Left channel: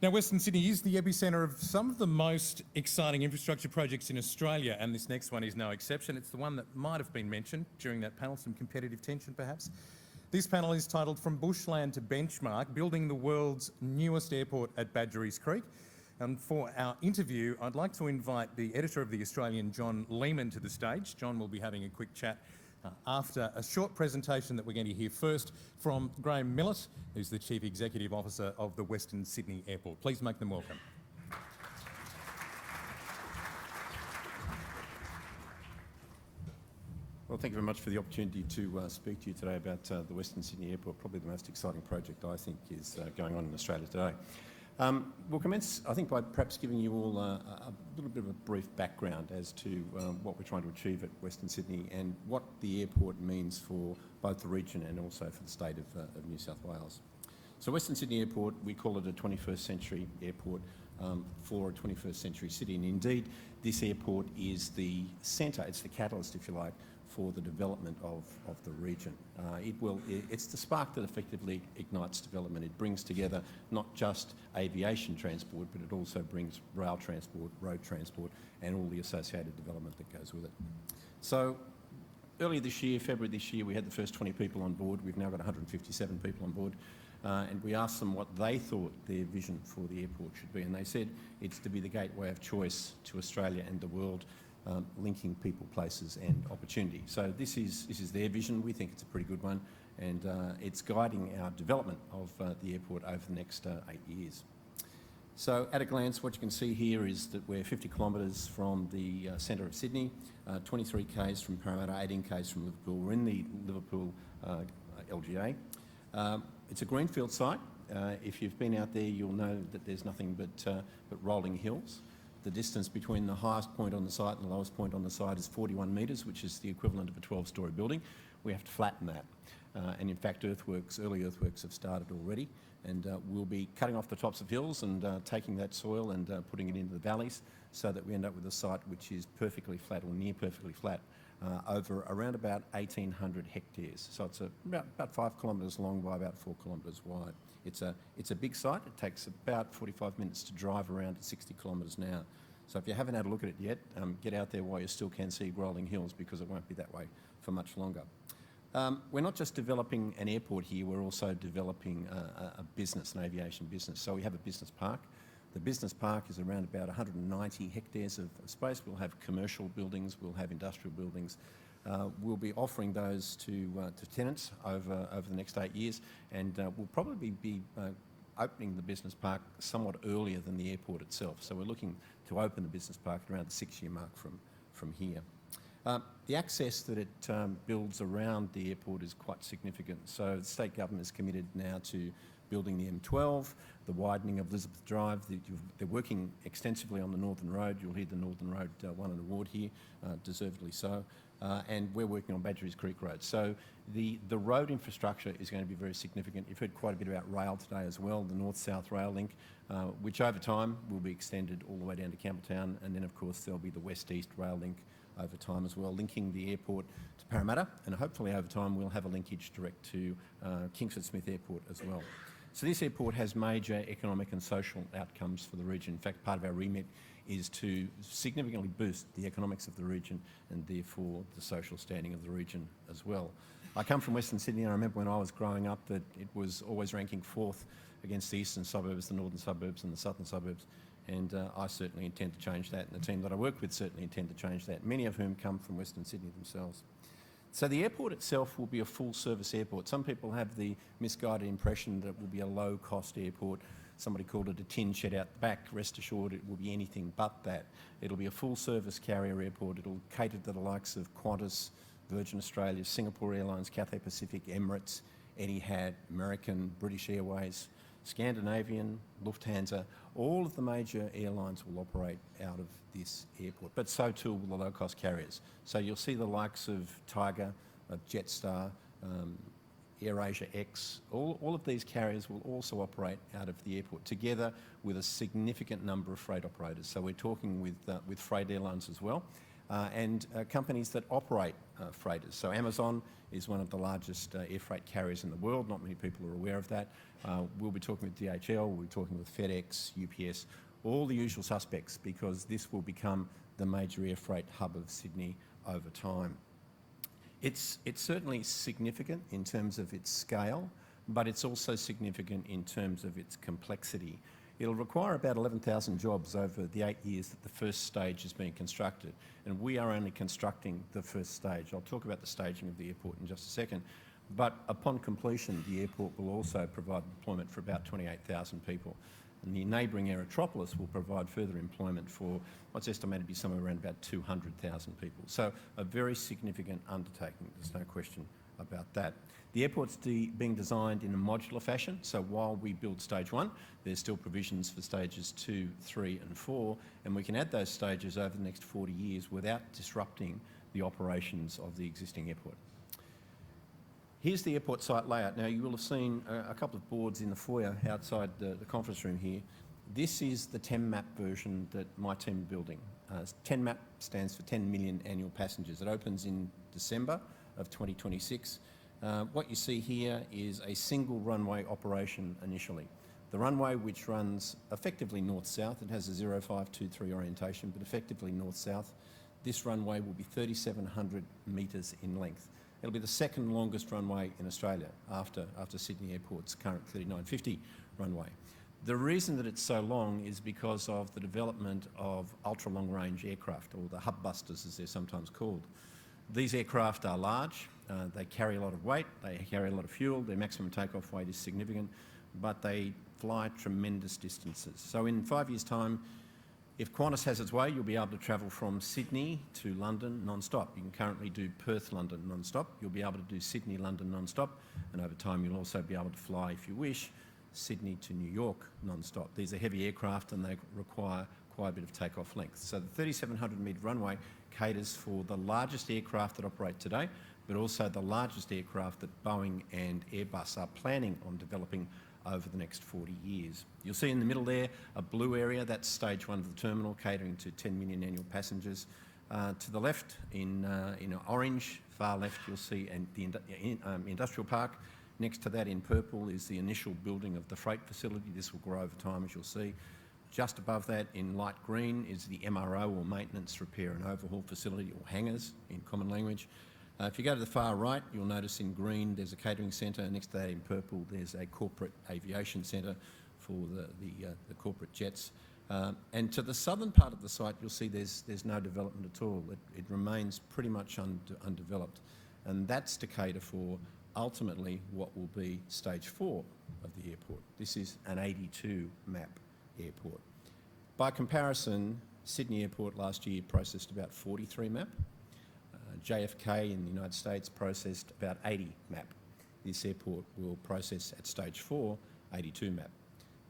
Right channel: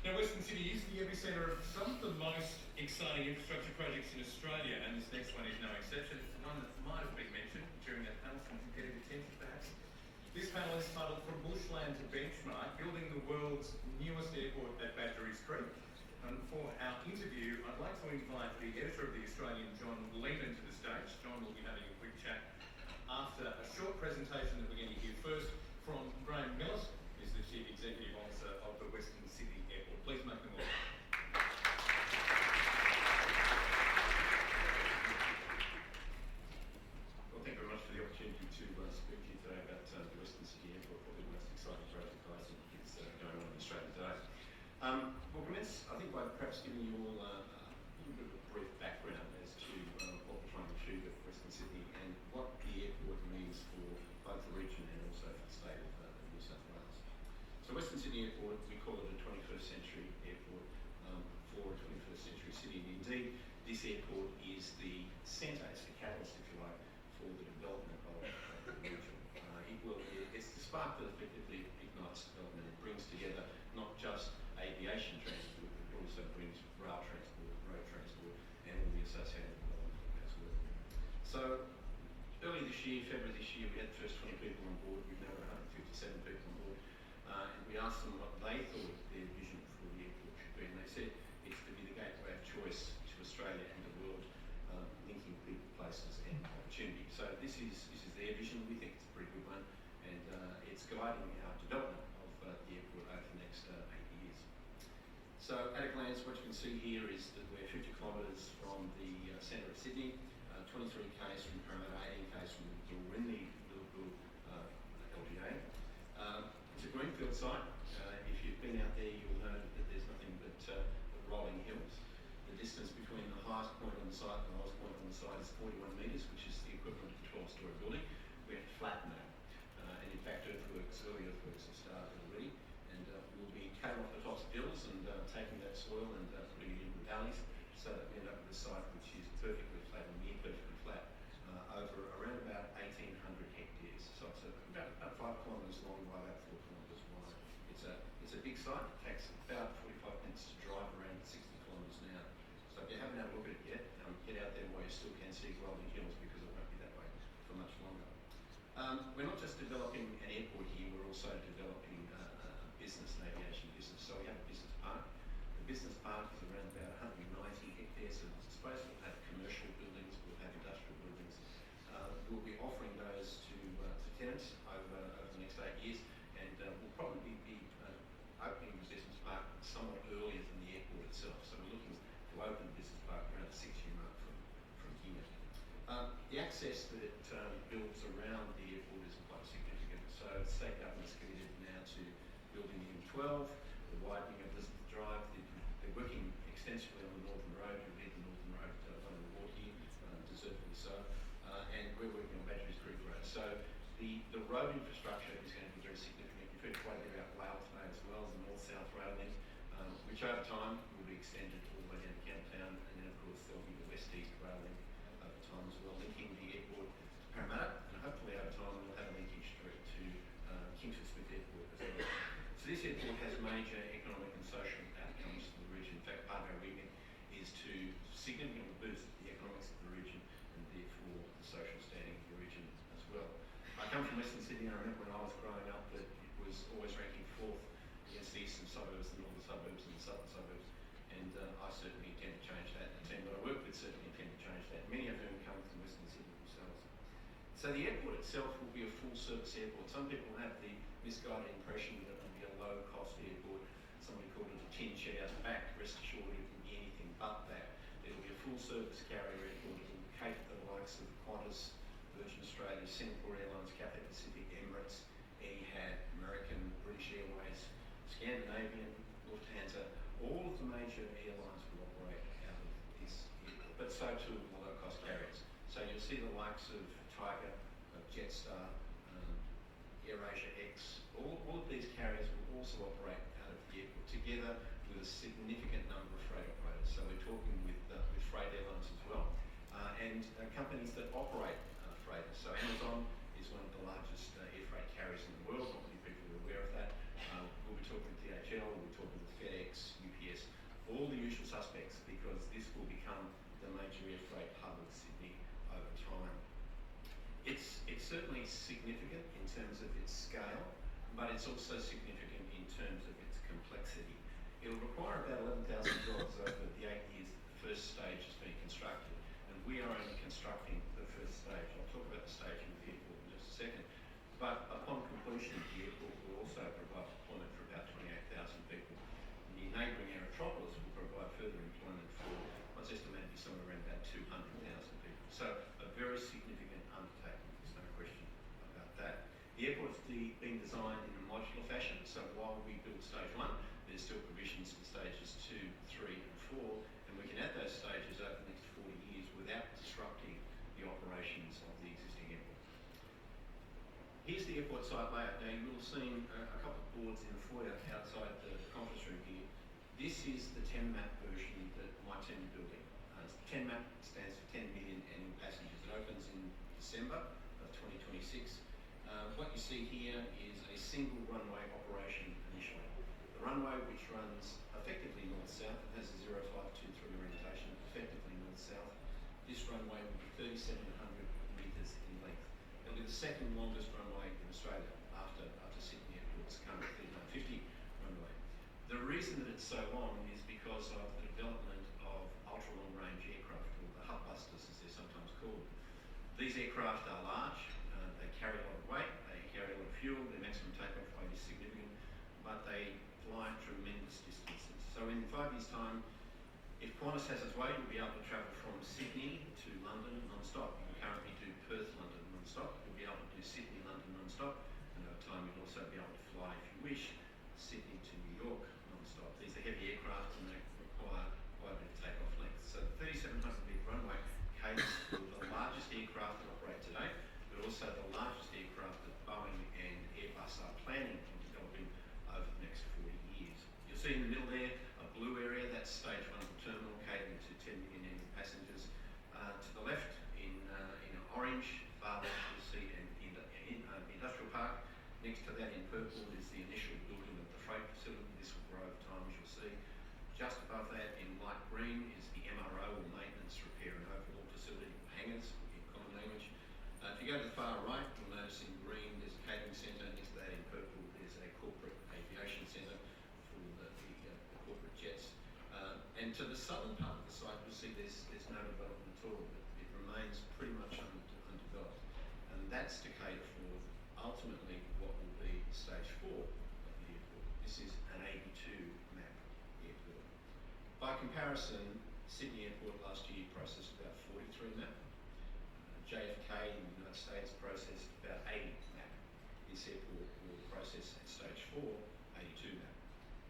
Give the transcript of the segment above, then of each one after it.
Now, Western Sydney is the epicentre of some of the most exciting infrastructure projects in Australia, and this next one is no exception. It's the one that might have been mentioned during that panel, some competitive tension perhaps. This panel is titled From Bushland to Benchmark, Building the World's Newest Airport at Badgerys Creek. And for our interview, I'd like to invite the editor of The Australian, John Lehmann, to the stage. John will be having a quick chat after a short presentation that we're going to hear first from Graham Millett, who's the Chief Executive Officer of the Western Sydney Airport. Please make them welcome. Well, thank you very much for the opportunity to speak to you today about the Western Sydney Airport, probably the most exciting project I think is going on in Australia today. We'll commence, I think, by perhaps giving you all a little bit of a brief background as to what we're trying to achieve at Western Sydney and what the airport means for both the region and also for the state of New South Wales. So Western Sydney Airport, we call it a 21st century airport for a 21st century city, and indeed this airport is the centre, it's the catalyst, if you like, for the development of the region. It's the spark that effectively ignites development. It brings together not just aviation transport, but it also brings rail transport, road transport, and all the associated development that goes with it. So earlier this year, February this year, we had the first 20 people on board. We've now got 157 people on board. And we asked them what they thought their vision for the airport should be, and they said it's to be the gateway of choice to Australia and the world, linking people, places and opportunity. So this is their vision. We think it's a pretty good one, and it's guiding our development of the airport over the next 8 years. So at a glance, what you can see here is that we're 50 kilometres from the centre of Sydney, 23 k's from Parramatta, 18 k's from Liverpool. We're in the Liverpool LGA. It's a greenfield site. If you've been out there, you'll know that there's nothing but rolling hills. The distance between the highest point on the site and the lowest point on the site is 41 metres, which is the equivalent of a 12-storey building. We have to flatten that. And in fact, early earthworks have started already, and we'll be cutting off the tops of hills and taking that soil and putting it into the valleys so that we end up with a site which is perfectly flat or near perfectly flat over around about 1,800 hectares. So it's about 5 kilometres long by about 4 kilometres wide. It's a big site. It takes about 45 minutes to drive around at 60 kilometres an hour. So if you haven't had a look at it yet, get out there while you still can see rolling hills, because it won't be that way for much longer. We're not just developing an airport here, we're also developing a business, an aviation business. So we have a business park. The business park is around about 190 hectares of space. We'll have commercial buildings, we'll have industrial buildings. We'll be offering those to tenants over the next 8 years, and we'll probably be opening the business park somewhat earlier than the airport itself. So we're looking to open the business park around the 6-year mark from here. The access that it builds around the airport is quite significant. So the state government is committed now to building the M12, the widening of Elizabeth Drive. They're working extensively on the Northern Road. You'll hear the Northern Road won an award here, deservedly so. And we're working on Badgerys Creek Road. So the road infrastructure is going to be very significant. You've heard quite a bit about rail today as well, the North-South Rail Link, which over time will be extended all the way down to Campbelltown, and then of course there'll be the West-East Rail Link over time as well, linking the airport to Parramatta, and hopefully over time we'll have a linkage direct to Kingsford Smith Airport as well. So this airport has major economic and social outcomes for the region. In fact, part of our remit is to significantly boost the economics of the region and therefore the social standing of the region as well. I come from Western Sydney, and I remember when I was growing up that it was always ranking 4th against the eastern suburbs, the northern suburbs and the southern suburbs, and I certainly intend to change that, and the team that I work with certainly intend to change that, many of whom come from Western Sydney themselves. So the airport itself will be a full-service airport. Some people have the misguided impression that it will be a low-cost airport. Somebody called it a tin shed out the back. Rest assured it will be anything but that. It'll be a full-service carrier airport. It'll cater to the likes of Qantas, Virgin Australia, Singapore Airlines, Cathay Pacific, Emirates, Etihad, American, British Airways, Scandinavian, Lufthansa. All of the major airlines will operate out of this airport, but so too will the low-cost carriers. So you'll see the likes of Tiger, of Jetstar, AirAsia X. All of these carriers will also operate out of the airport, together with a significant number of freight operators. So we're talking with freight airlines as well, and companies that operate freighters. So Amazon is one of the largest air freight carriers in the world. Not many people are aware of that. We'll be talking with DHL, we'll be talking with FedEx, UPS, all the usual suspects, because this will become the major air freight hub of Sydney over time. It's certainly significant in terms of its scale, but it's also significant in terms of its complexity. It'll require about 11,000 jobs over the 8 years that the first stage is being constructed, and we are only constructing the first stage. I'll talk about the staging of the airport in just a second, but upon completion, the airport will also provide employment for about 28,000 people. And the neighbouring Aerotropolis will provide further employment for what's estimated to be somewhere around about 200,000 people. So a very significant undertaking, there's no question about that. The airport's being designed in a modular fashion, so while we build stage 1, there's still provisions for stages 2, 3 and 4, and we can add those stages over the next 40 years without disrupting the operations of the existing airport. Here's the airport site layout. Now, you will have seen a couple of boards in the foyer outside the conference room here. This is the 10 map version that my team are building. 10 map stands for 10 million annual passengers. It opens in December of 2026. What you see here is a single runway operation initially. The runway, which runs effectively north-south, it has a 0523 orientation, but effectively north-south. This runway will be 3,700 metres in length. It'll be the second longest runway in Australia after Sydney Airport's current 3950 runway. The reason that it's so long is because of the development of ultra-long-range aircraft, or the hub busters as they're sometimes called. These aircraft are large, they carry a lot of weight, they carry a lot of fuel, their maximum takeoff weight is significant, but they fly tremendous distances. So in 5 years' time, if Qantas has its way, you'll be able to travel from Sydney to London non-stop. You can currently do Perth-London non-stop. You'll be able to do Sydney-London non-stop, and over time you'll also be able to fly, if you wish, Sydney to New York non-stop. These are heavy aircraft and they require quite a bit of takeoff length. So the 3,700 metre runway caters for the largest aircraft that operate today, but also the largest aircraft that Boeing and Airbus are planning on developing over the next 40 years. You'll see in the middle there a blue area, that's stage 1 of the terminal, catering to 10 million annual passengers. To the left, in orange, far left, you'll see the industrial park. Next to that in purple is the initial building of the freight facility. This will grow over time, as you'll see. Just above that in light green is the MRO, or maintenance, repair and overhaul facility, or hangars in common language. If you go to the far right, you'll notice in green there's a catering centre. Next to that in purple there's a corporate aviation centre for the corporate jets. And to the southern part of the site you'll see there's no development at all. It remains pretty much undeveloped, and that's to cater for ultimately what will be stage 4 of the airport. This is an 82 map airport. By comparison, Sydney Airport last year processed about 43 map. JFK in the United States processed about 80 map. This airport will process at stage 4, 82 map.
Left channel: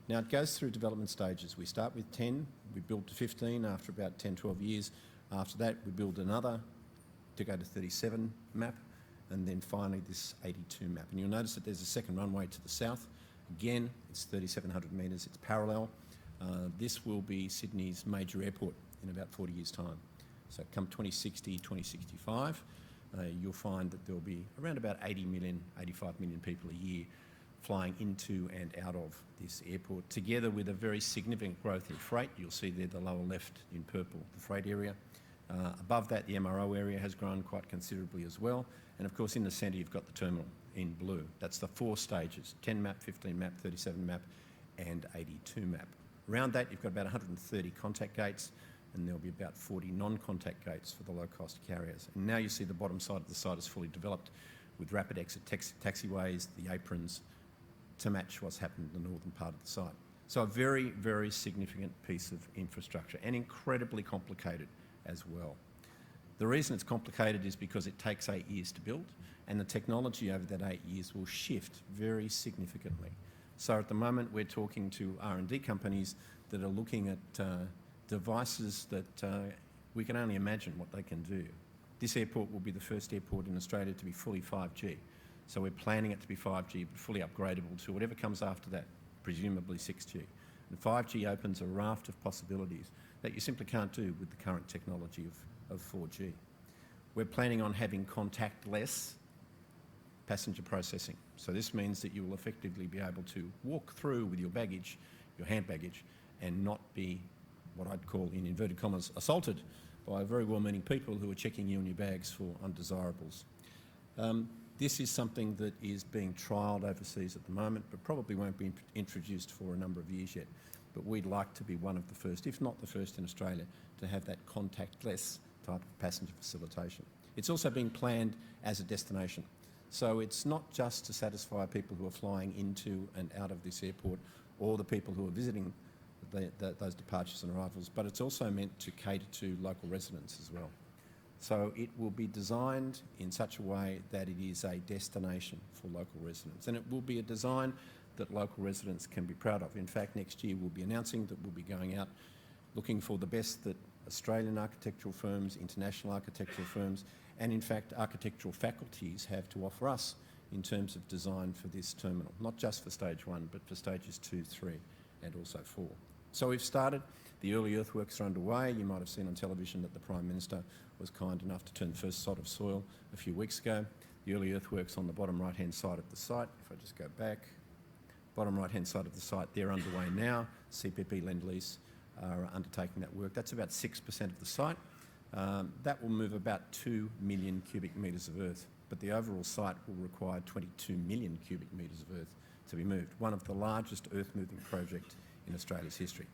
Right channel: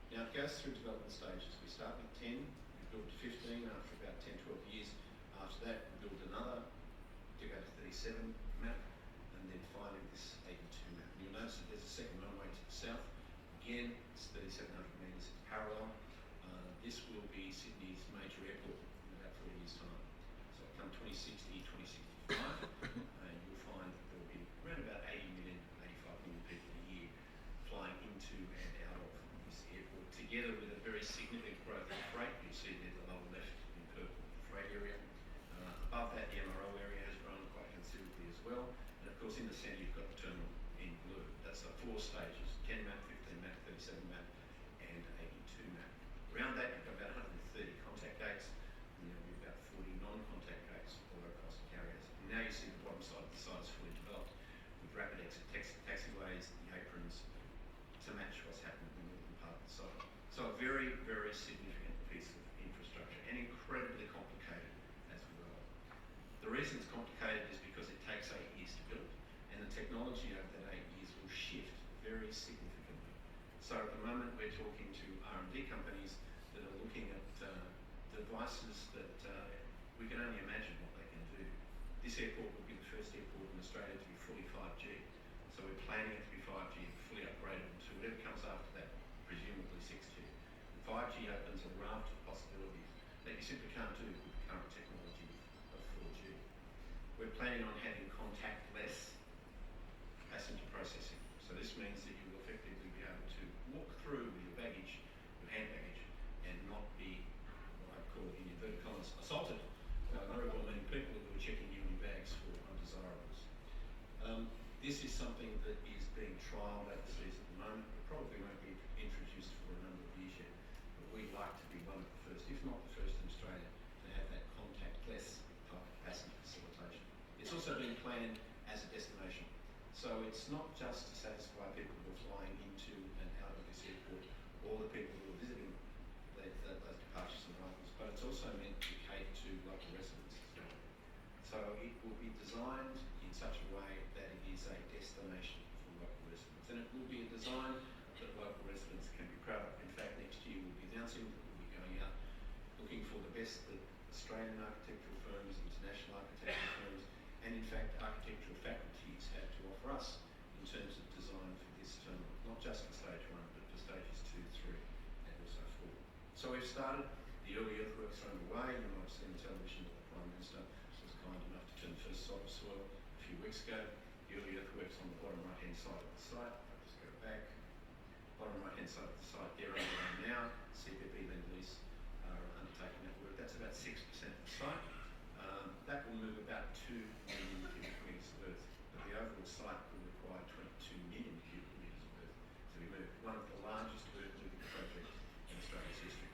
Now it goes through development stages. We start with 10, we build to 15 after about 10, 12 years. After that we build another to go to 37 map, and then finally this 82 map. And you'll notice that there's a second runway to the south. Again, it's 3,700 metres, it's parallel. This will be Sydney's major airport in about 40 years' time. So come 2060, 2065, you'll find that there'll be around about 80 million, 85 million people a year flying into and out of this airport, together with a very significant growth in freight. You'll see there the lower left in purple, the freight area. Above that, the MRO area has grown quite considerably as well. And of course, in the centre, you've got the terminal in blue. That's the 4 stages, 10 map, 15 map, 37 map, and 82 map. Around that, you've got about 130 contact gates, and there'll be about 40 non-contact gates for the low-cost carriers. And now you see the bottom side of the site is fully developed with rapid exit taxiways, the aprons, to match what's happened in the northern part of the site. So a very, very significant piece of infrastructure, and incredibly complicated as well. The reason it's complicated is because it takes 8 years to build, and the technology over that 8 years will shift very significantly. So at the moment we're talking to R&D companies that are looking at devices that we can only imagine what they can do. This airport will be the first airport in Australia to be fully 5G. So we're planning it to be 5G, but fully upgradable to whatever comes after that, presumably 6G. And 5G opens a raft of possibilities that you simply can't do with the current technology of 4G. We're planning on having contactless passenger processing. So this means that you will effectively be able to walk through with your baggage, your hand baggage, and not be what I'd call, in inverted commas, assaulted by very well-meaning people who are checking you and your bags for undesirables. This is something that is being trialled overseas at the moment, but probably won't be introduced for a number of years yet. But we'd like to be one of the first, if not the first in Australia, to have that contactless type of passenger facilitation. It's also been planned as a destination. So it's not just to satisfy people who are flying into and out of this airport, or the people who are visiting those departures and arrivals, but it's also meant to cater to local residents as well. So it will be designed in such a way that it is a destination for local residents, and it will be a design that local residents can be proud of. In fact, next year we'll be announcing that we'll be going out looking for the best that Australian architectural firms, international architectural firms, and in fact architectural faculties have to offer us in terms of design for this terminal, not just for stage 1, but for stages 2, 3 and also 4. So we've started, the early earthworks are underway. You might have seen on television that the Prime Minister was kind enough to turn the first sod of soil a few weeks ago. The early earthworks on the bottom right hand side of the site, if I just go back, bottom right hand side of the site, they're underway now. CPP Lend-Lease are undertaking that work. That's about 6% of the site. That will move about 2 million cubic metres of earth, but the overall site will require 22 million cubic metres of earth to be moved, one of the largest earth moving projects in Australia's history.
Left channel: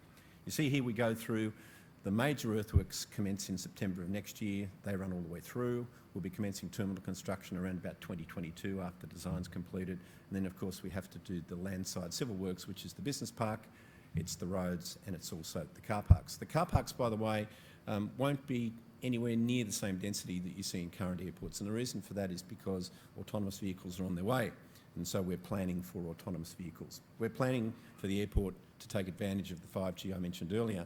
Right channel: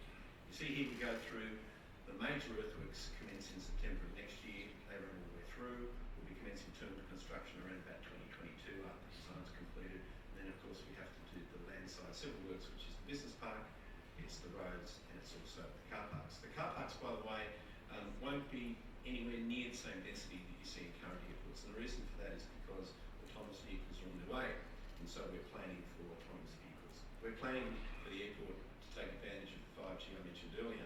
You see here we go through the major earthworks commence in September of next year. They run all the way through. We'll be commencing terminal construction around about 2022 after design's completed. And then of course we have to do the landside civil works, which is the business park, it's the roads, and it's also the car parks. The car parks, by the way, won't be anywhere near the same density that you see in current airports. And the reason for that is because autonomous vehicles are on their way. And so we're planning for autonomous vehicles. We're planning for the airport to take advantage of the 5G I mentioned earlier,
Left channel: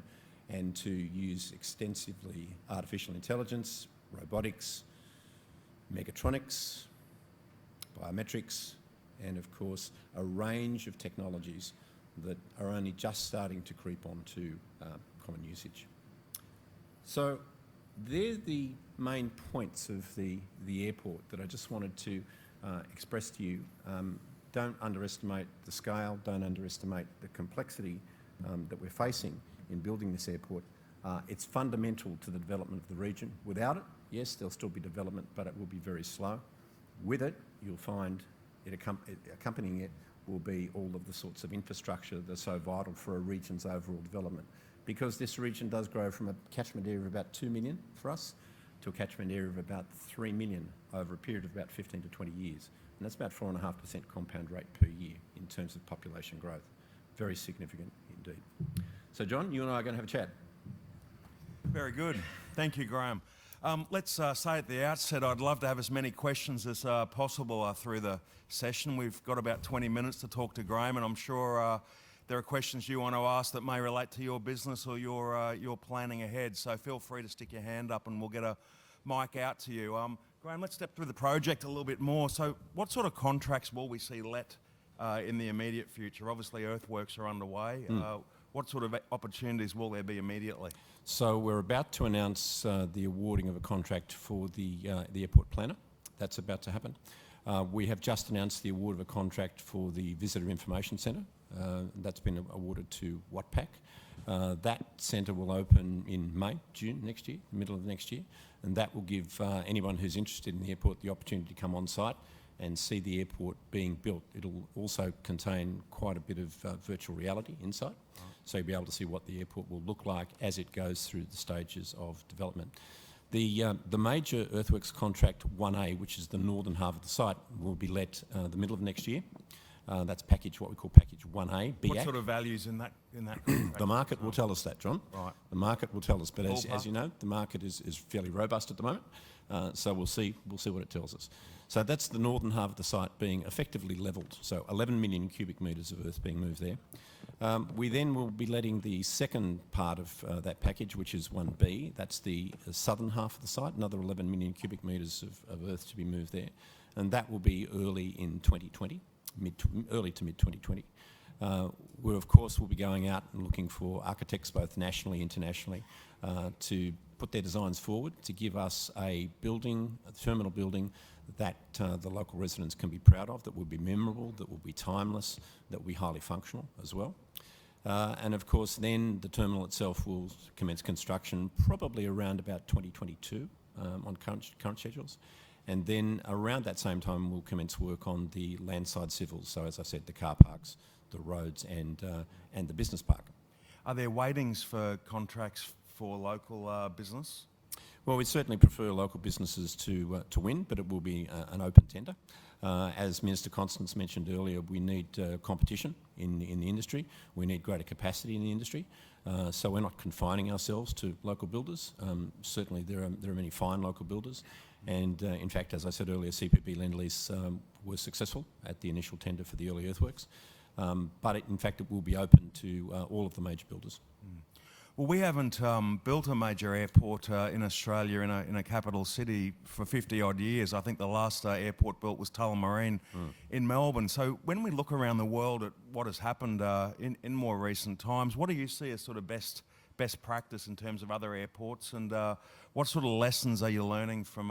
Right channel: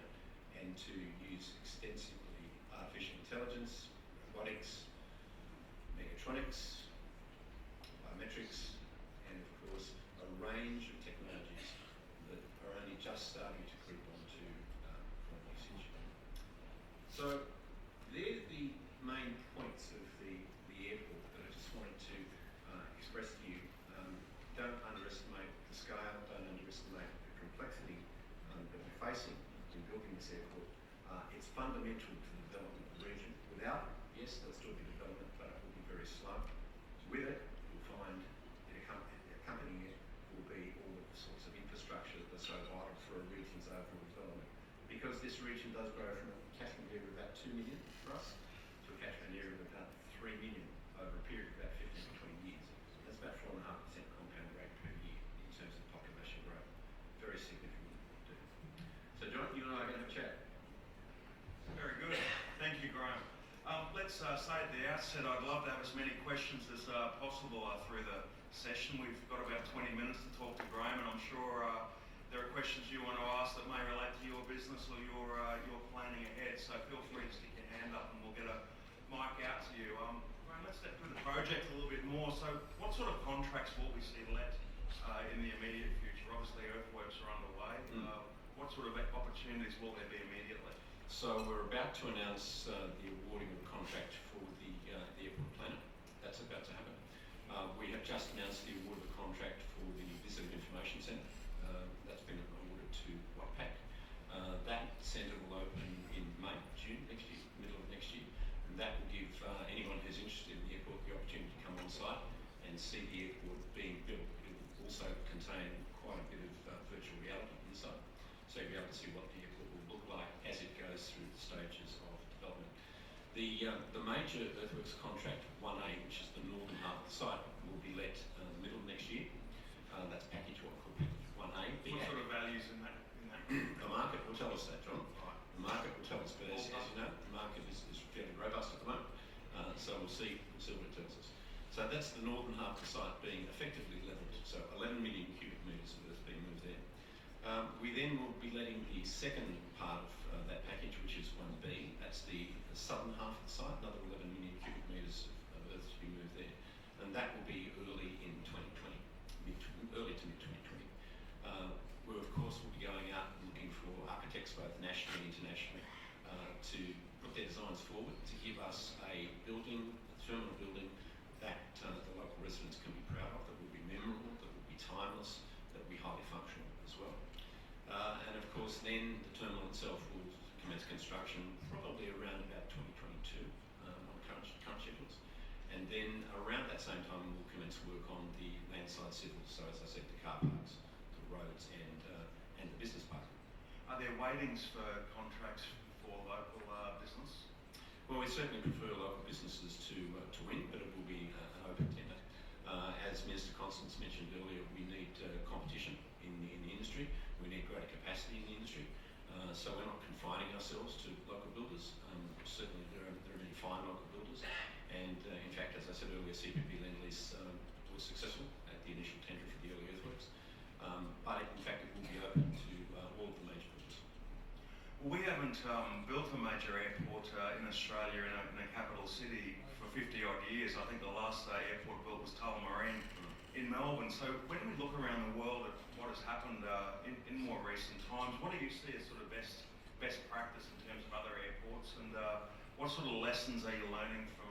and to use extensively artificial intelligence, robotics, mechatronics, biometrics, and of course a range of technologies that are only just starting to creep onto common usage. So they're the main points of the airport that I just wanted to express to you. Don't underestimate the scale, don't underestimate the complexity that we're facing in building this airport. It's fundamental to the development of the region. Without it, yes, there'll still be development, but it will be very slow. With it, you'll find it accompanying it will be all of the sorts of infrastructure that are so vital for a region's overall development. Because this region does grow from a catchment area of about 2 million for us to a catchment area of about 3 million over a period of about 15 to 20 years. And that's about 4.5% compound rate per year in terms of population growth. Very significant indeed. So John, you and I are going to have a chat. Very good. Thank you, Graham. Let's say at the outset, I'd love to have as many questions as possible through the session. We've got about 20 minutes to talk to Graham, and I'm sure there are questions you want to ask that may relate to your business or your planning ahead. So feel free to stick your hand up and we'll get a mic out to you. Graham, let's step through the project a little bit more. So what sort of contracts will we see let in the immediate future? Obviously earthworks are underway. What sort of opportunities will there be immediately? So we're about to announce the awarding of a contract for the airport planner. That's about to happen. We have just announced the award of a contract for the Visitor Information Centre. That's been awarded to Wattpac. That centre will open in May, June next year, middle of next year, and that will give anyone who's interested in the airport the opportunity to come on site and see the airport being built. It'll also contain quite a bit of virtual reality inside, so you'll be able to see what the airport will look like as it goes through the stages of development. The major earthworks contract 1A, which is the northern half of the site, will be let the middle of next year. That's what we call package 1A. BA. What sort of values in that? The market will tell us that, John. Right. The market will tell us, but as you know, the market is fairly robust at the moment. So we'll see what it tells us. So that's the northern half of the site being effectively levelled. So 11 million cubic metres of earth being moved there. We then will be letting the second part of that package, which is 1B. That's the southern half of the site, another 11 million cubic metres of earth to be moved there. And that will be early in 2020, early to mid-2020. We, of course, will be going out and looking for architects, both nationally and internationally, to put their designs forward to give us a terminal building that the local residents can be proud of, that will be memorable, that will be timeless, that will be highly functional as well. And of course then the terminal itself will commence construction probably around about 2022 on current schedules. And then around that same time we'll commence work on the landside civils, so as I said, the car parks, the roads and the business park. Are there weightings for contracts for local business? Well, we certainly prefer local businesses to win, but it will be an open tender. As Minister Constance mentioned earlier, we need competition in the industry. We need greater capacity in the industry. So we're not confining ourselves to local builders. Certainly there are many fine local builders. And in fact, as I said earlier, CPB Lend-Lease was successful at the initial tender for the early earthworks. But in fact, it will be open to all of the major builders. Well, we haven't built a major airport in Australia in a capital city for 50 odd years. I think the last airport built was Tullamarine in Melbourne. So when we look around the world at what has happened in more recent times, what do you see as sort of best practice in terms of other airports, and what sort of lessons are you learning from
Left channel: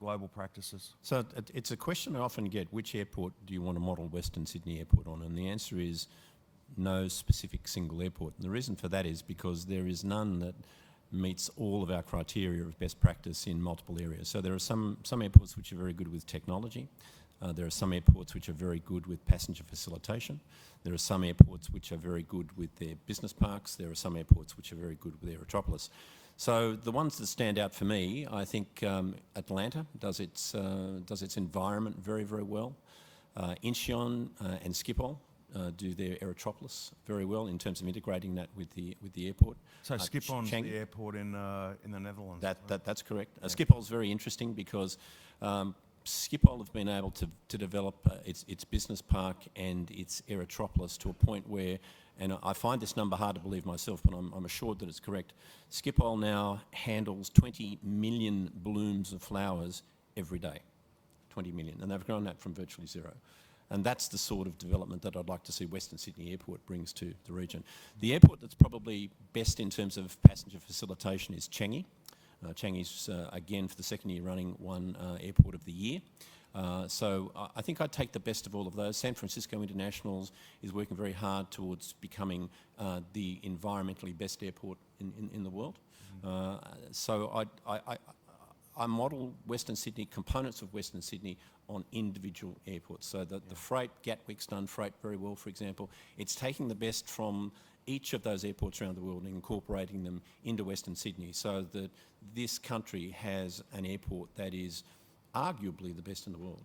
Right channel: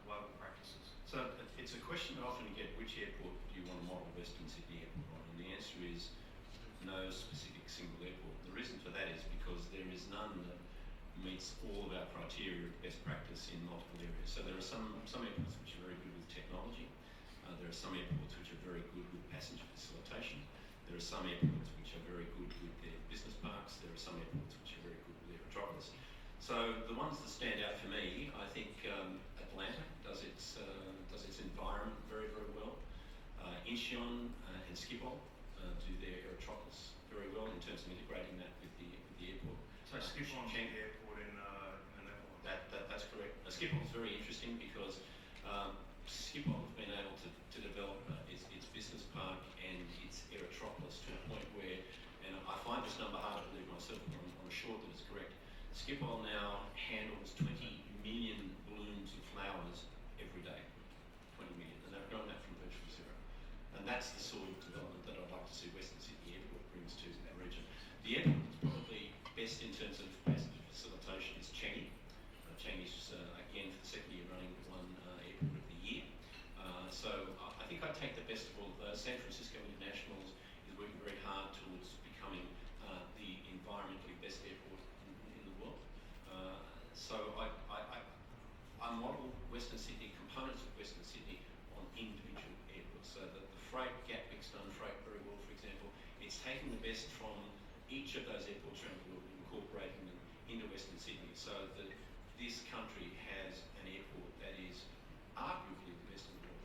global practices? So it's a question I often get: which airport do you want to model Western Sydney Airport on? And the answer is no specific single airport. And the reason for that is because there is none that meets all of our criteria of best practice in multiple areas. So there are some airports which are very good with technology. There are some airports which are very good with passenger facilitation. There are some airports which are very good with their business parks. There are some airports which are very good with Aerotropolis. So the ones that stand out for me, I think Atlanta does its environment very, very well. Incheon and Schiphol do their Aerotropolis very well in terms of integrating that with the airport. So Schiphol's the airport in the Netherlands. That's correct. Schiphol's very interesting because Schiphol have been able to develop its business park and its Aerotropolis to a point where, and I find this number hard to believe myself, but I'm assured that it's correct, Schiphol now handles 20 million blooms of flowers every day. 20 million. And they've grown that from virtually zero. And that's the sort of development that I'd like to see Western Sydney Airport brings to the region. The airport that's probably best in terms of passenger facilitation is Changi. Changi's, again, for the second year running, won Airport of the Year. So I think I'd take the best of all of those. San Francisco Internationals is working very hard towards becoming the environmentally best airport in the world. So I model Western Sydney, components of Western Sydney, on individual airports. So the freight, Gatwick's done freight very well, for example. It's taking the best from each of those airports around the world and incorporating them into Western Sydney, so that this country has an airport that is arguably the best in the world.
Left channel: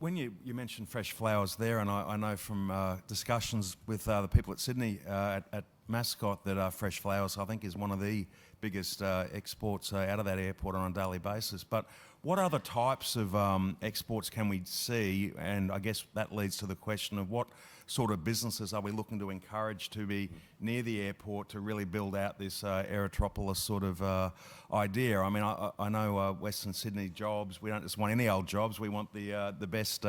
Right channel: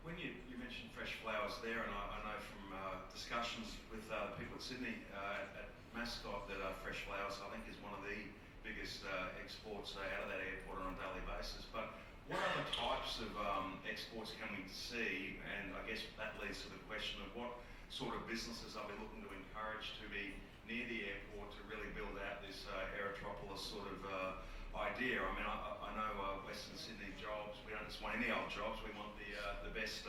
When you mentioned fresh flowers there, and I know from discussions with the people at Sydney at Mascot that fresh flowers, I think, is one of the biggest exports out of that airport on a daily basis. But what other types of exports can we see? And I guess that leads to the question of what sort of businesses are we looking to encourage to be near the airport to really build out this Aerotropolis sort of idea? I mean, I know Western Sydney jobs, we don't just want any old jobs, we want the best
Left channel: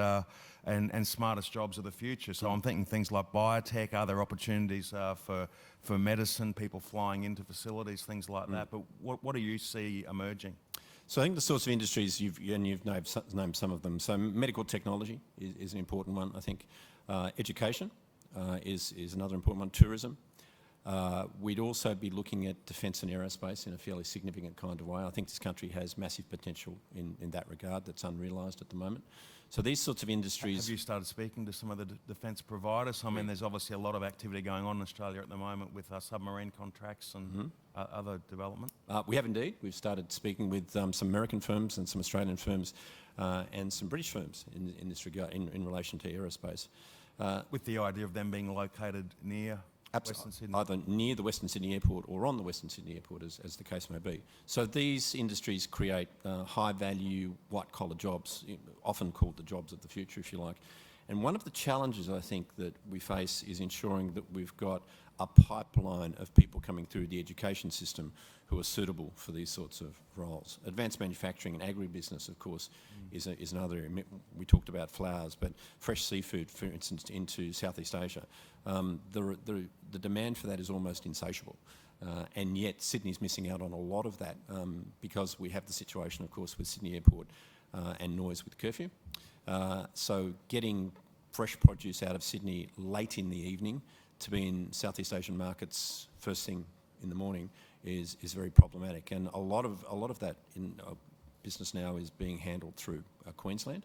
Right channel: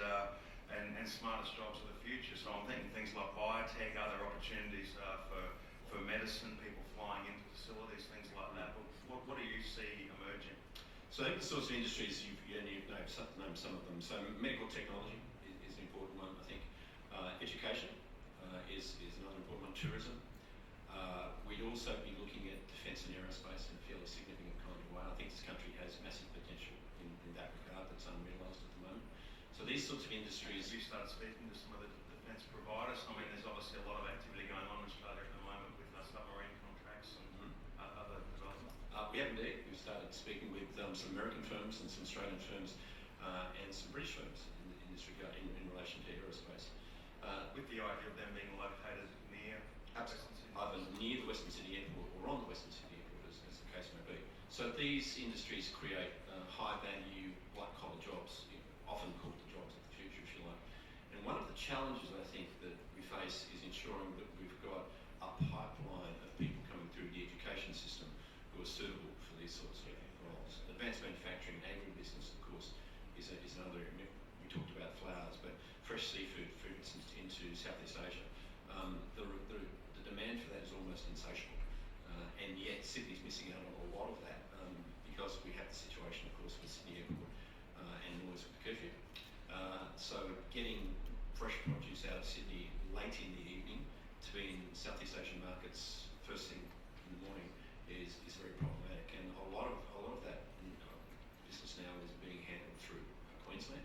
and smartest jobs of the future. So I'm thinking things like biotech, are there opportunities for medicine, people flying into facilities, things like that? But what do you see emerging? So I think the sorts of industries you've named some of them. So medical technology is an important one, I think. Education is another important one. Tourism. We'd also be looking at defence and aerospace in a fairly significant kind of way. I think this country has massive potential in that regard that's unrealised at the moment. So these sorts of industries... Have you started speaking to some of the defence providers? I mean, there's obviously a lot of activity going on in Australia at the moment with submarine contracts and other development. We have indeed. We've started speaking with some American firms and some Australian firms and some British firms in this regard in relation to aerospace. With the idea of them being located near Western Sydney? Either near the Western Sydney Airport or on the Western Sydney Airport, as the case may be. So these industries create high-value, white-collar jobs, often called the jobs of the future, if you like. And one of the challenges, I think, that we face is ensuring that we've got a pipeline of people coming through the education system who are suitable for these sorts of roles. Advanced manufacturing and agribusiness, of course, is another area. We talked about flowers, but fresh seafood, for instance, into Southeast Asia. The demand for that is almost insatiable. And yet Sydney's missing out on a lot of that because we have the situation, of course, with Sydney Airport and noise with curfew. So getting fresh produce out of Sydney late in the evening to be in Southeast Asian markets first thing in the morning is very problematic, and a lot of that in business now is being handled through Queensland,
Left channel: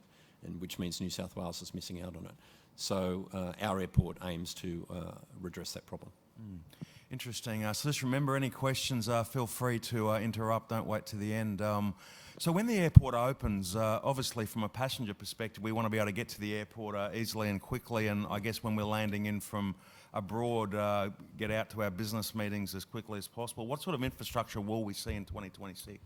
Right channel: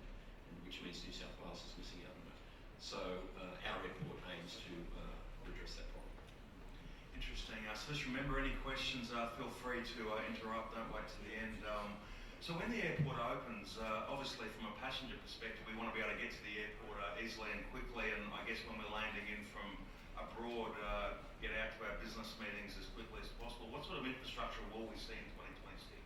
and which means New South Wales is missing out on it. So our airport aims to redress that problem. Interesting. So just remember, any questions, feel free to interrupt. Don't wait to the end. So when the airport opens, obviously from a passenger perspective, we want to be able to get to the airport easily and quickly, and I guess when we're landing in from abroad, get out to our business meetings as quickly as possible. What sort of infrastructure will we see in 2026?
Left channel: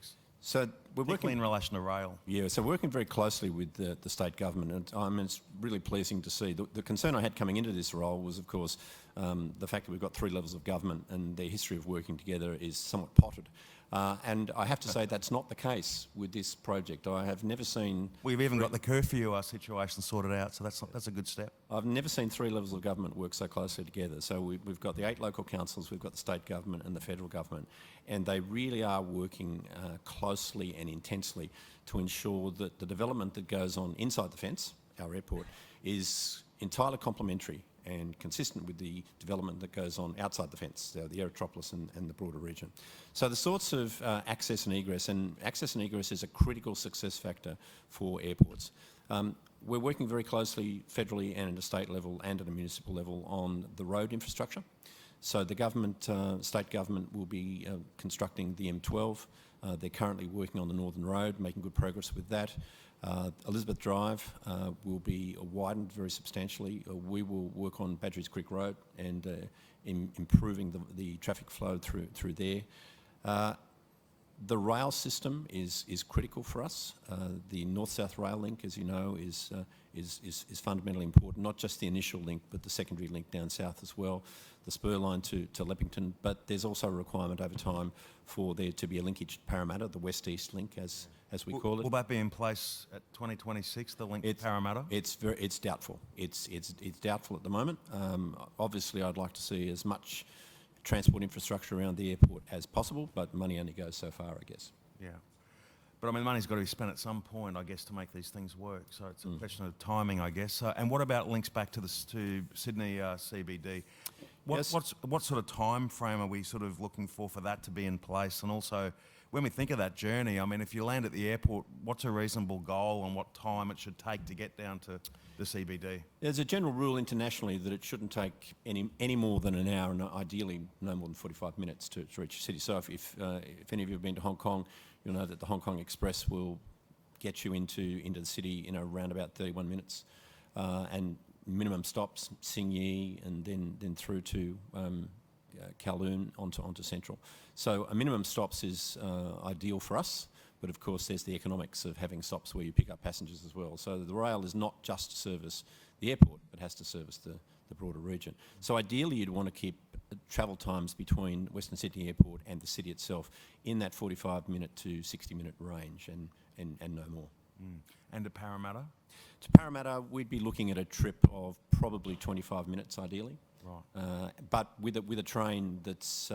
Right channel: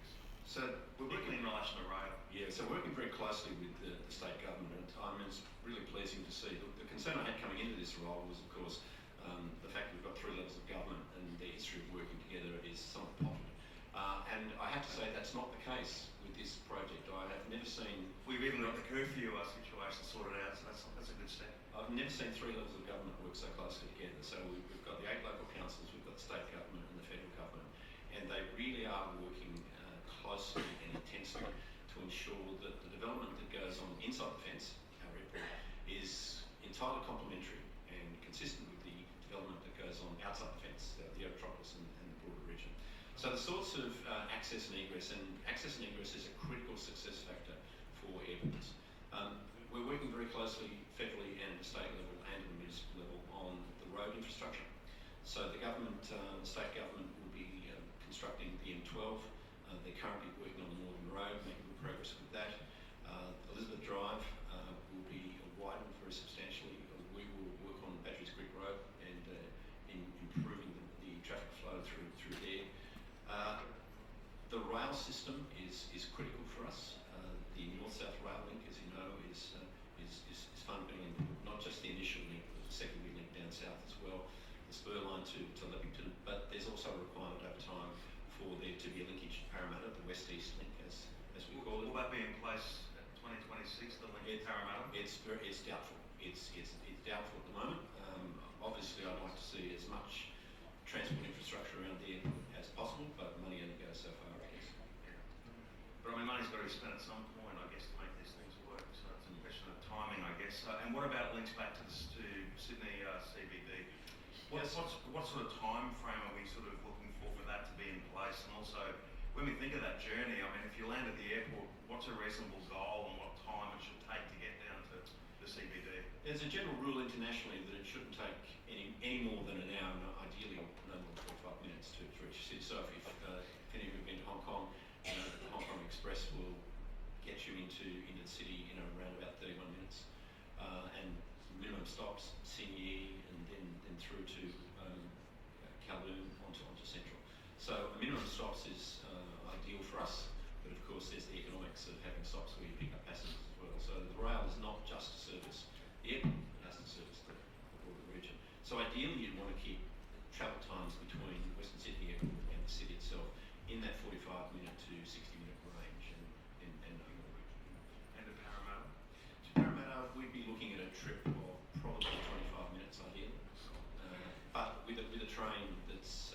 So we're working in relation to rail. Yeah, so working very closely with the state government, and it's really pleasing to see. The concern I had coming into this role was, of course, the fact that we've got three levels of government and their history of working together is somewhat potted. And I have to say that's not the case with this project. I have never seen... We've even got the curfew situation sorted out, so that's a good step. I've never seen three levels of government work so closely together. So we've got the 8 local councils, we've got the state government and the federal government, and they really are working closely and intensely to ensure that the development that goes on inside the fence, our airport, is entirely complementary and consistent with the development that goes on outside the fence, the Aerotropolis and the broader region. So the sorts of access and egress is a critical success factor for airports. We're working very closely federally and at a state level and at a municipal level on the road infrastructure. So the government, state government will be constructing the M12. They're currently working on the Northern Road, making good progress with that. Elizabeth Drive will be widened very substantially. We will work on Badgerys Creek Road and in improving the traffic flow through there. The rail system is critical for us. The north-south rail link, as you know, is fundamentally important. Not just the initial link, but the secondary link down south as well. The spur line to Leppington, but there's also a requirement over time for there to be a linkage to Parramatta, the west-east link, as we call it. Will that be in place at 2026? The link to Parramatta? It's doubtful. It's doubtful at the moment. Obviously, I'd like to see as much transport infrastructure around the airport as possible, but money only goes so far, I guess. Yeah. But I mean, money's got to be spent at some point, I guess, to make these things work. So it's a question of timing, I guess. And what about links back to Sydney CBD? What sort of time frame are we sort of looking for that to be in place? And also, when we think of that journey, I mean, if you land at the airport, what's a reasonable goal and what time it should take to get down to the CBD? There's a general rule internationally that it shouldn't take any more than an hour, and ideally no more than 45 minutes to reach the city. So if any of you have been to Hong Kong, you know that the Hong Kong Express will get you into the city in around about 31 minutes, and minimum stops Tsing Yi and then through to Kowloon onto Central. So a minimum stops is ideal for us. But of course, there's the economics of having stops where you pick up passengers as well. So the rail is not just to service the airport, it has to service the broader region. So ideally, you'd want to keep travel times between Western Sydney Airport and the city itself in that 45-minute to 60-minute range and no more. And to Parramatta? To Parramatta, we'd be looking at a trip of probably 25 minutes ideally. Right. But with a train that's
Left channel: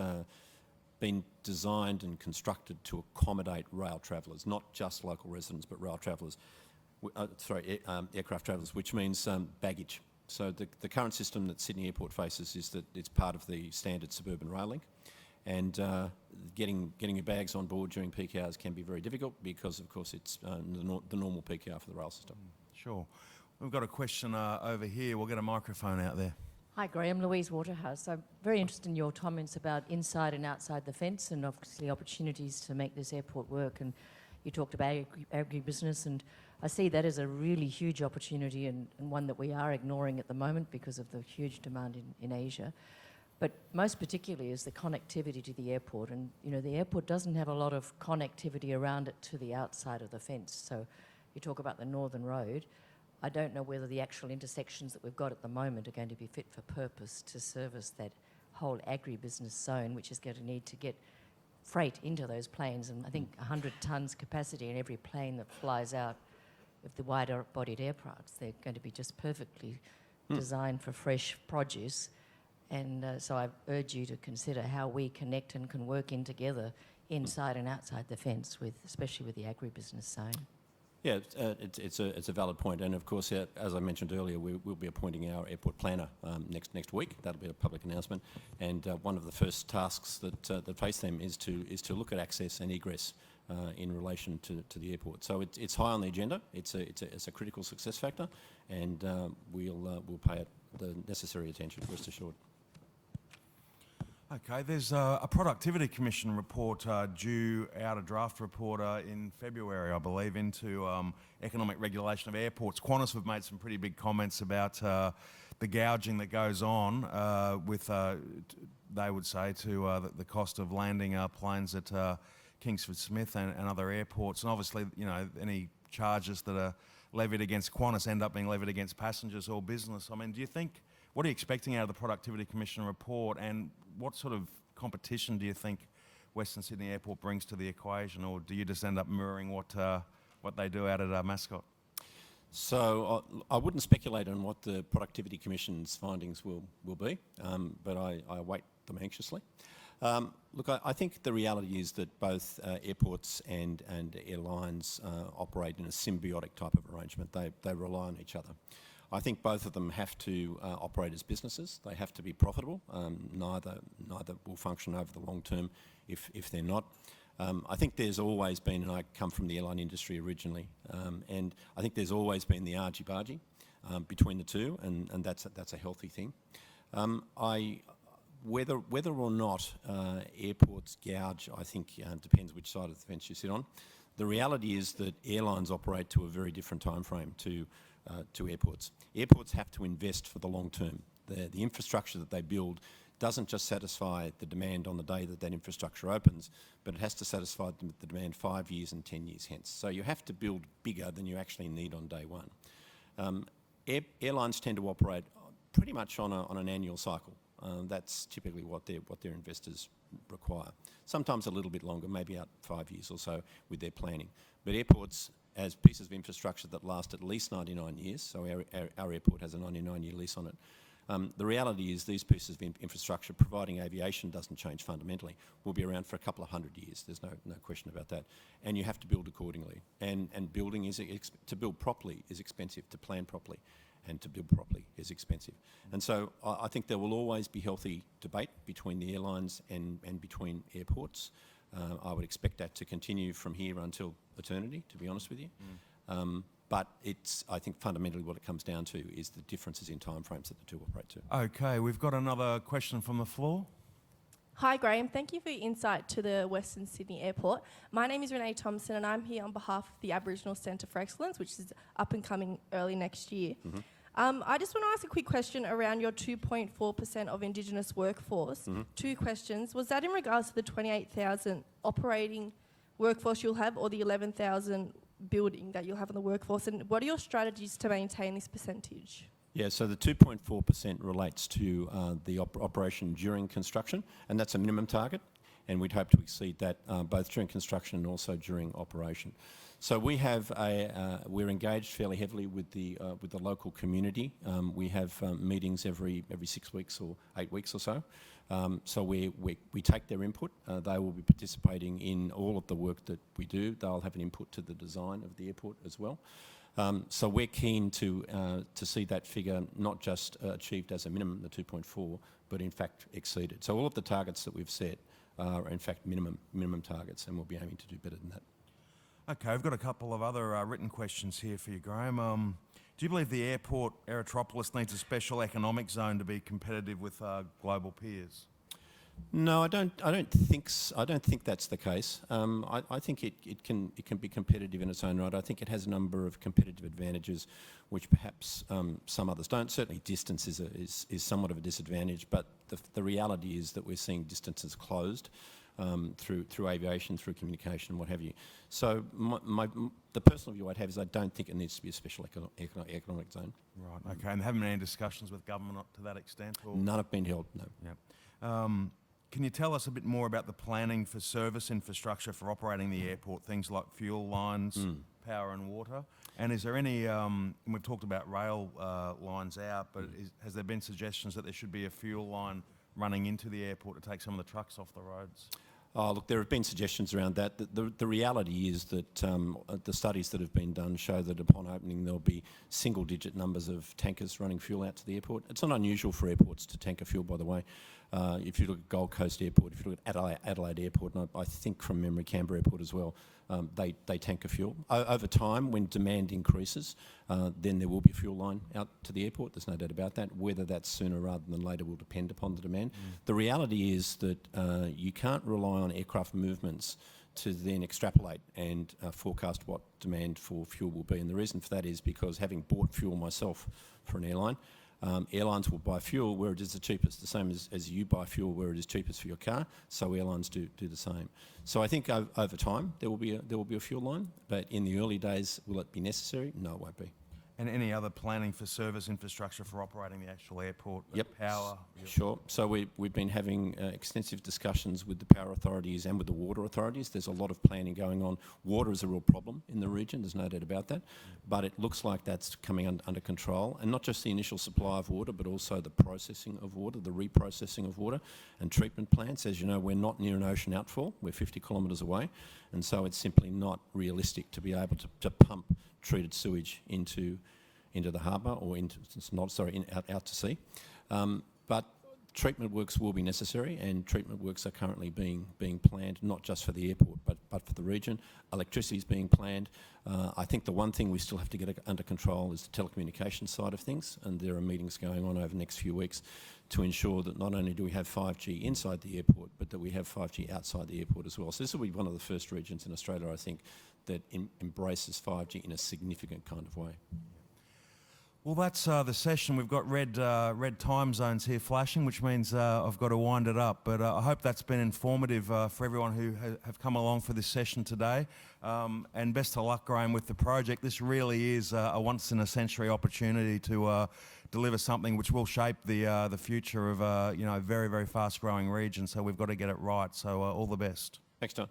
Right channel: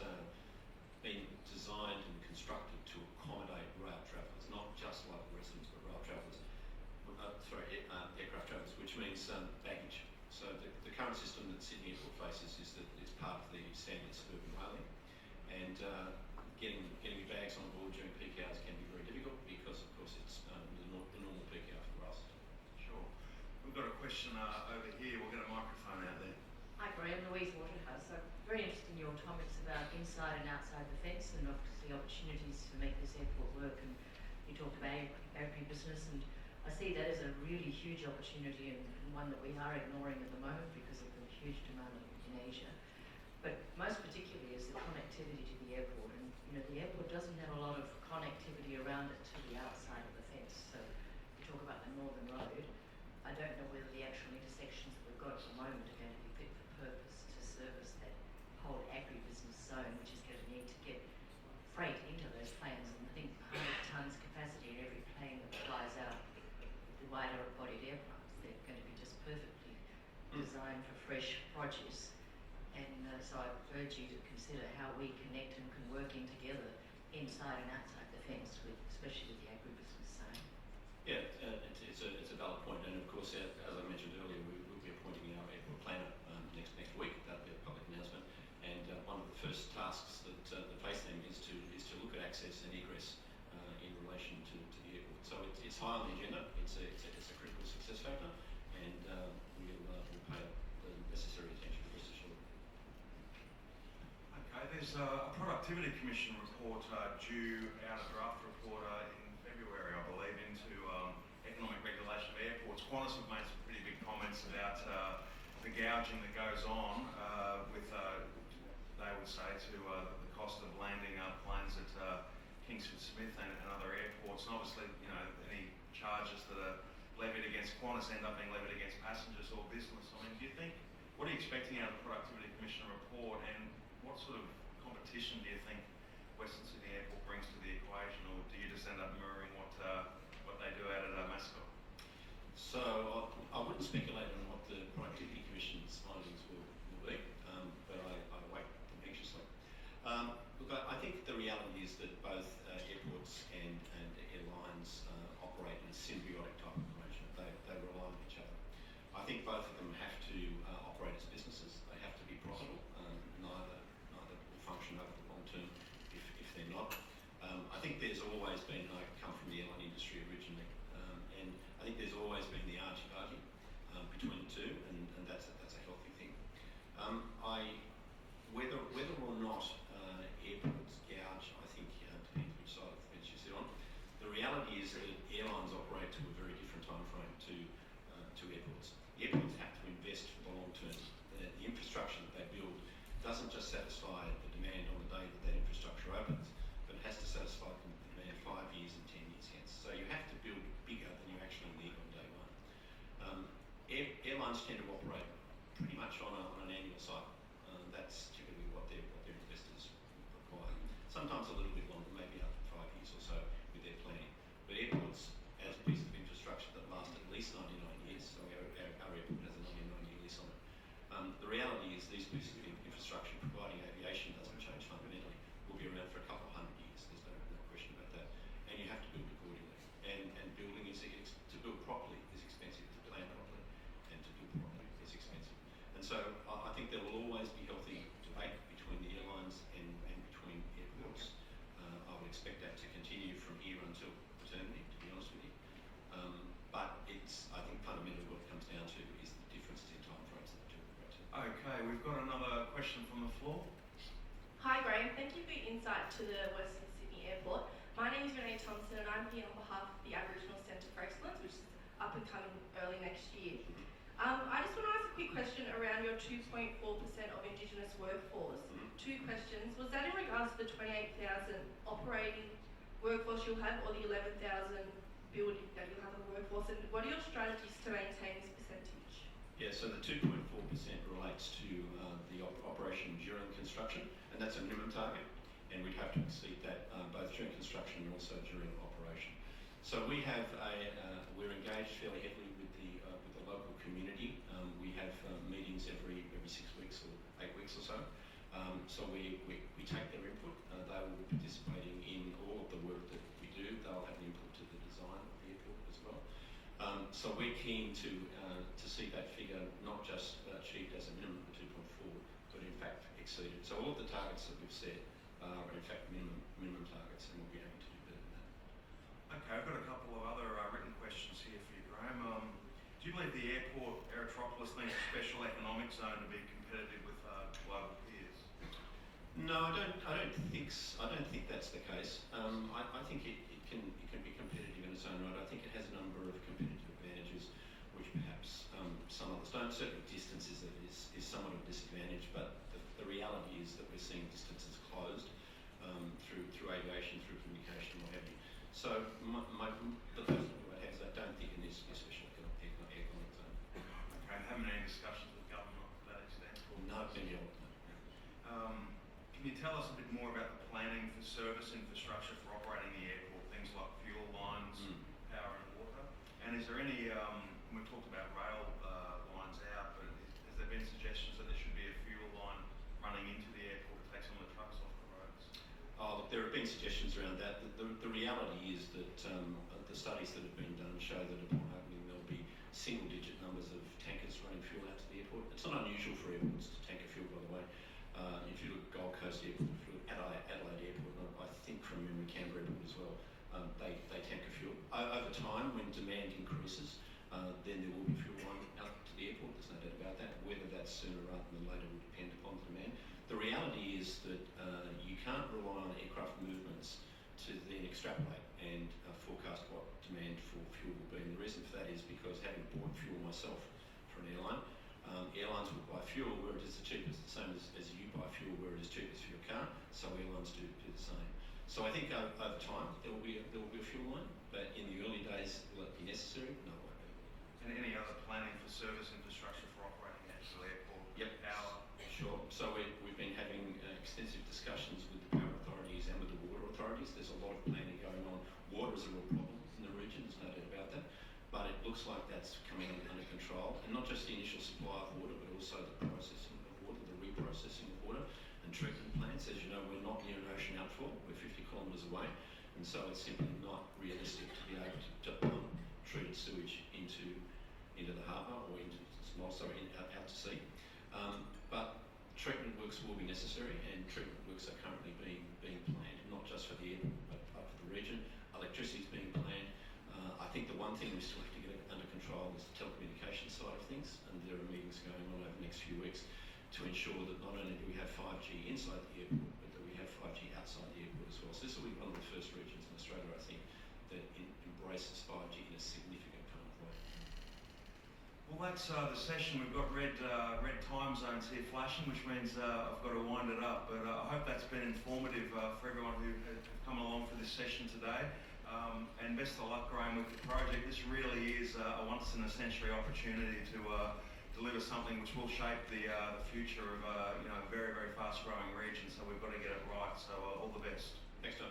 been designed and constructed to accommodate rail travellers, not just local residents, but rail travellers. Aircraft travellers, which means baggage. So the current system that Sydney Airport faces is that it's part of the standard suburban rail link, and getting your bags on board during peak hours can be very difficult because, of course, it's the normal peak hour for the rail system. Sure. We've got a question over here. We'll get a microphone out there. Hi Graham, Louise Waterhouse. I'm very interested in your comments about inside and outside the fence and obviously opportunities to make this airport work, and you talked about agribusiness, and I see that as a really huge opportunity and one that we are ignoring at the moment because of the huge demand in Asia. But most particularly is the connectivity to the airport, and you know the airport doesn't have a lot of connectivity around it to the outside of the fence. So you talk about the Northern Road. I don't know whether the actual intersections that we've got at the moment are going to be fit for purpose to service that whole agribusiness zone, which is going to need to get freight into those planes. And I think 100 tonnes capacity in every plane that flies out of the wider-bodied aircraft. They're going to be just perfectly designed for fresh produce. And so I urge you to consider how we connect and can work in together inside and outside the fence, especially with the agribusiness zone. Yeah, it's a valid point, and of course, as I mentioned earlier, we'll be appointing our airport planner next week. That'll be a public announcement, and one of the first tasks that face them is to look at access and egress in relation to the airport. So it's high on the agenda. It's a critical success factor, and we'll pay it the necessary attention. Rest assured. Okay, there's a Productivity Commission report due out, a draft report in February, I believe, into economic regulation of airports. Qantas have made some pretty big comments about the gouging that goes on with, they would say, to the cost of landing planes at Kingsford Smith and other airports. And obviously, you know, any charges that are levied against Qantas end up being levied against passengers or business. I mean, what are you expecting out of the Productivity Commission report, and what sort of competition do you think Western Sydney Airport brings to the equation, or do you just end up mirroring what they do out at Mascot? So I wouldn't speculate on what the Productivity Commission's findings will be, but I await them anxiously. Look, I think the reality is that both airports and airlines operate in a symbiotic type of arrangement. They rely on each other. I think both of them have to operate as businesses. They have to be profitable. Neither will function over the long term if they're not. I think there's always been, and I come from the airline industry originally, and I think there's always been the argy-bargy between the two, and that's a healthy thing. Whether or not airports gouge, I think depends which side of the fence you sit on. The reality is that airlines operate to a very different time frame to airports. Airports have to invest for the long term. The infrastructure that they build doesn't just satisfy the demand on the day that infrastructure opens, but it has to satisfy the demand 5 years and 10 years hence. So you have to build bigger than you actually need on day one. Airlines tend to operate pretty much on an annual cycle. That's typically what their investors require. Sometimes a little bit longer, maybe out 5 years or so with their planning. But airports, as pieces of infrastructure that last at least 99 years, so our airport has a 99-year lease on it. The reality is these pieces of infrastructure, providing aviation doesn't change fundamentally, will be around for a couple of 100 years. There's no question about that. And you have to build accordingly. And building to build properly is expensive, to plan properly and to build properly is expensive. And so I think there will always be healthy debate between the airlines and between airports. I would expect that to continue from here until eternity, to be honest with you. But I think fundamentally what it comes down to is the differences in timeframes that the two operate to. Okay, we've got another question from the floor. Hi Graham, thank you for your insight to the Western Sydney Airport. My name is Renee Thompson and I'm here on behalf of the Aboriginal Centre for Excellence, which is up and coming early next year. Mm-hmm. I just want to ask a quick question around your 2.4% of Indigenous workforce. Mm-hmm. Two questions. Was that in regards to the 28,000 operating workforce you'll have, or the 11,000 building that you'll have on the workforce? And what are your strategies to maintain this percentage? Yeah, so the 2.4% relates to the operation during construction, and that's a minimum target, and we'd hope to exceed that both during construction and also during operation. So we're engaged fairly heavily with the local community. We have meetings every 6 weeks or 8 weeks or so. So we take their input. They will be participating in all of the work that we do. They'll have an input to the design of the airport as well. So we're keen to see that figure not just achieved as a minimum, the 2.4, but in fact exceeded. So all of the targets that we've set are in fact minimum targets, and we'll be aiming to do better than that. Okay, I've got a couple of other written questions here for you, Graham. Do you believe the airport, Aerotropolis, needs a special economic zone to be competitive with global peers? No, I don't think that's the case. I think it can be competitive in its own right. I think it has a number of competitive advantages, which perhaps some others don't. Certainly, distance is somewhat of a disadvantage, but the reality is that we're seeing distances closed through aviation, through communication, what have you. So the personal view I'd have is I don't think it needs to be a special economic zone. Right, okay, and haven't been any discussions with government up to that extent? Or? None have been held, no. Yeah. Can you tell us a bit more about the planning for service infrastructure for operating the airport, things like fuel lines, power and water? And is there any, we've talked about rail lines out, but has there been suggestions that there should be a fuel line running into the airport to take some of the trucks off the roads? Oh, look, there have been suggestions around that. The reality is that the studies that have been done show that upon opening there'll be single-digit numbers of tankers running fuel out to the airport. It's not unusual for airports to tanker fuel, by the way. If you look at Gold Coast Airport, if you look at Adelaide Airport, and I think from memory Canberra Airport as well, they tanker fuel. Over time, when demand increases, then there will be a fuel line out to the airport. There's no doubt about that. Whether that's sooner rather than later will depend upon the demand. The reality is that you can't rely on aircraft movements to then extrapolate and forecast what demand for fuel will be. And the reason for that is because, having bought fuel myself for an airline, airlines will buy fuel where it is the cheapest, the same as you buy fuel where it is cheapest for your car. So airlines do the same. So I think over time there will be a fuel line, but in the early days, will it be necessary? No, it won't be. And any other planning for service infrastructure for operating the actual airport? Yep. Power? Sure. So we've been having extensive discussions with the power authorities and with the water authorities. There's a lot of planning going on. Water is a real problem in the region, there's no doubt about that. But it looks like that's coming under control. And not just the initial supply of water, but also the processing of water, the reprocessing of water and treatment plants. As you know, we're not near an ocean outfall. We're 50 kilometres away. And so it's simply not realistic to be able to pump treated sewage into the harbour or out to sea. But treatment works will be necessary, and treatment works are currently being planned, not just for the airport, but for the region. Electricity is being planned. I think the one thing we still have to get under control is the telecommunications side of things, and there are meetings going on over the next few weeks to ensure that not only do we have 5G inside the airport, but that we have 5G outside the airport as well. So this will be one of the first regions in Australia, I think, that embraces 5G in a significant kind of way. Well, that's the session. We've got red time zones here flashing, which means I've got to wind it up. But I hope that's been informative for everyone who have come along for this session today. And best of luck, Graham, with the project. This really is a once-in-a-century opportunity to deliver something which will shape the future of a very, very fast-growing region. So we've got to get it right. So all the best. Thanks, Tom.